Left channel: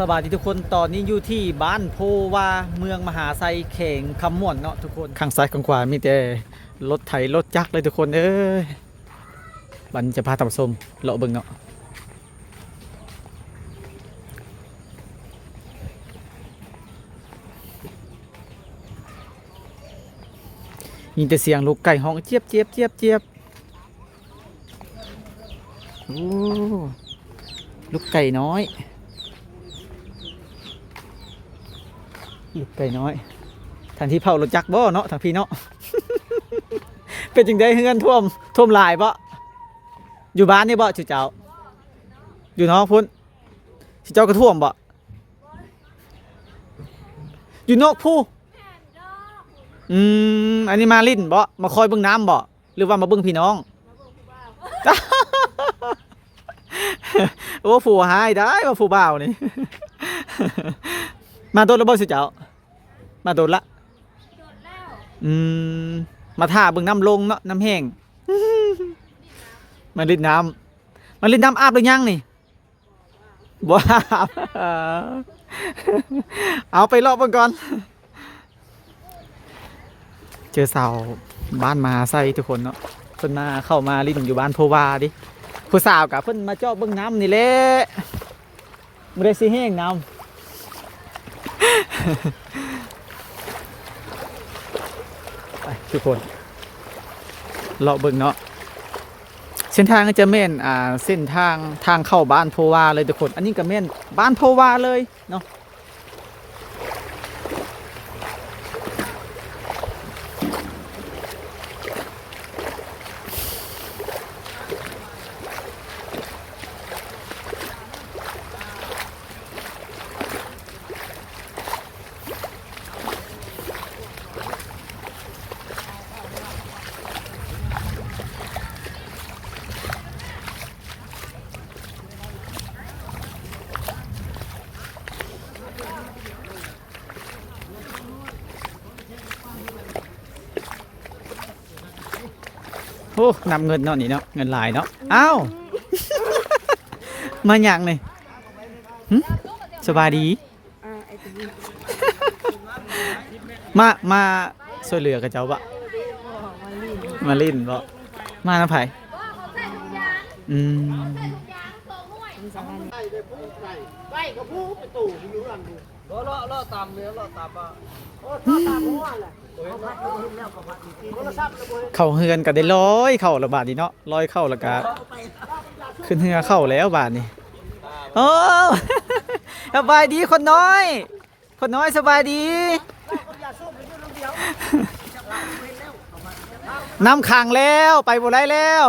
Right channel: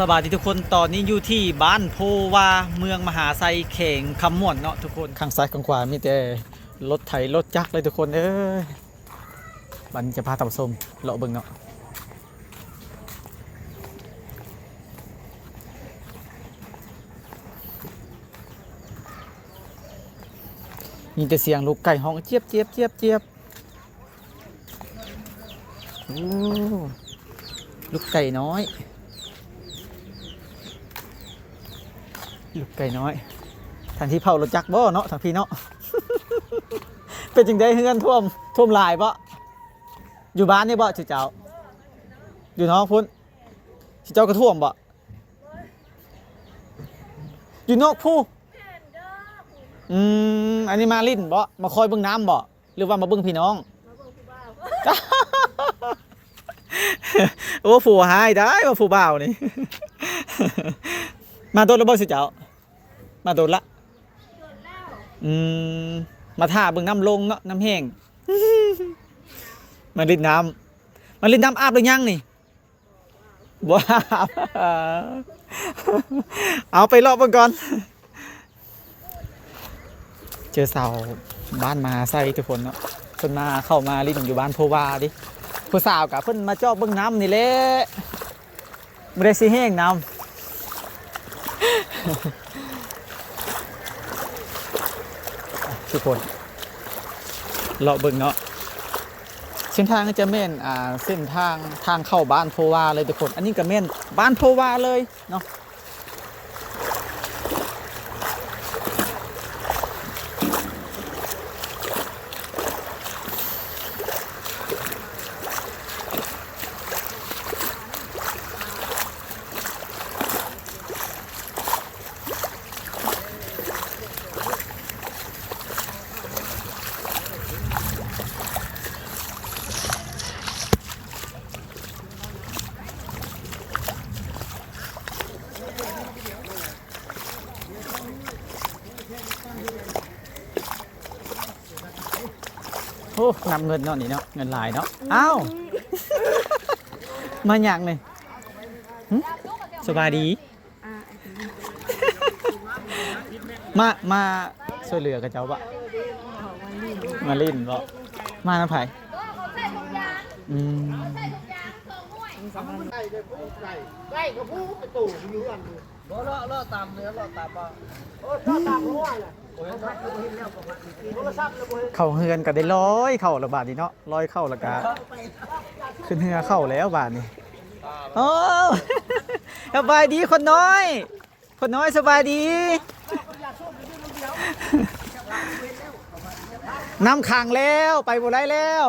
สวัสดีทุกคนตอนนี้อยู่ที่บ้านโพวาเมืองมหาไซเข่งคำม่วนเนาะทุกคนข้างซ้ายข้างขวามีแต่รถไถรถจักรเลยทุกคนเอ้ยบันจะพาท่านผู้ชมเลาะเบิ่งเนาะมีแต่เสียงลูกไก่ห้องเจี๊ยบเจี๊ยบเจี๊ยบเจี๊ยบโอ้ลูกไก่น้อยลูกไก่น้อยทันที่เผารถจักรบ่เนาะทางพี่เนาะ เป็นจังได้เฮือนท่วมหลายบ่อยู่บ้านนี่บ่ชื่อเจ้าอยู่น้องพุ่นชื่อเจ้าก็ท่วมบ่อยู่นอกผู้อันนี้มาลิ้นบ่มาคอยเบิ่งน้ำบ่หรือว่ามาเบิ่งพี่น้อง โอ้ผู้หายได้ว่าผู้บ่าวนี่ มาโดนแล้วบ่ชื่อเจ้ามาโดนละมาท่าเบิ่งน้ำลงเนาะน้ำแห้ง มาลิ้นน้ำอาบหรือยังนี่ว้า เอาไปรอบก่อนเจอสาวบ้านมาใส่ทุกคนเนาะเพิ่นมาเข้ามาลิ้นอยู่บ้านโพวาดิผู้สาวกับเพิ่นมาจอบเบิ่งน้ำนี่แหละไม่ได้สิแห้งน้ำ ทุกคนเลาะเบิ่งเนาะเส้นทางก็จะแม่นเส้นทางเข้าบ้านโพวาเลยทุกคนอันนี้ก็แม่นบ้านโพวาเลยเนาะโอ้นำเงินเนาะนี่เนาะเงินหลายเนาะอ้าว มาอย่างนี่สบายดี มาช่วยเหลือกับเจ้าบะมาลิ้นบ่มาน้ำไผ่ได้ก็พูดไปตู่รู้กันดูเลาะตามเนื้อเลาะตามว่าเลาะตามหัวแหละเข้าเฮือนก็ได้ร้อยเข้าละบาทนี่เนาะร้อยเข้าแล้วก็ขึ้นเฮือเข้าแล้วบาทนี่โอ้สบายดีคนน้อยสบายดีน้ำขังแล้วไปบ่ได้แล้ว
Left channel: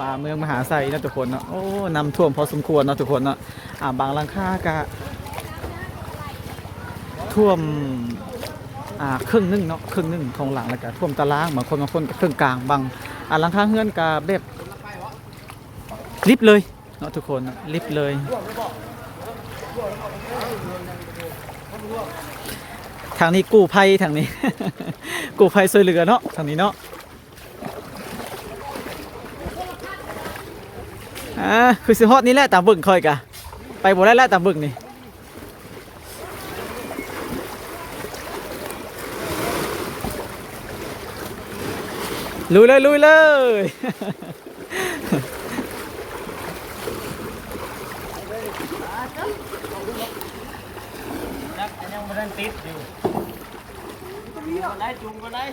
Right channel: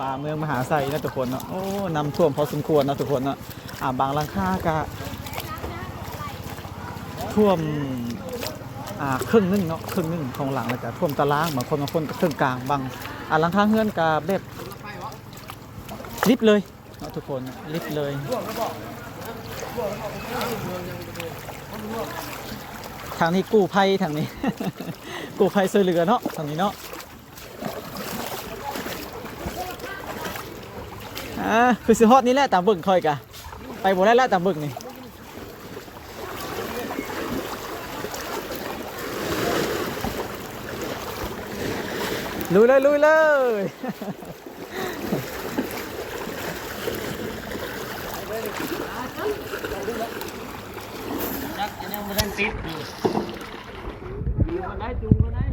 ว่าเมืองมหาไซนะทุกคนเนาะโอ้น้ำท่วมพอสมควรนะทุกคนเนาะบางหลังคากะท่วมครึ่งนึงเนาะครึ่งนึงของหลังแล้วก็ท่วมตารางบางคนก็ครึ่งกลางบางหลังคาเฮือนกะแบบลิบเลยเนาะทุกคนลิบเลยทางนี้กู้ภัยทางนี้ กู้ภัยช่วยเหลือเนาะทางนี้เนาะคือสิฮอดนี่แหละตามบึ่งคอยกะไปบ่ได้แล้วตามบึ่งนี่ลุยเลยยังไม่ได้ติดอยู่ได้จุงก็ได้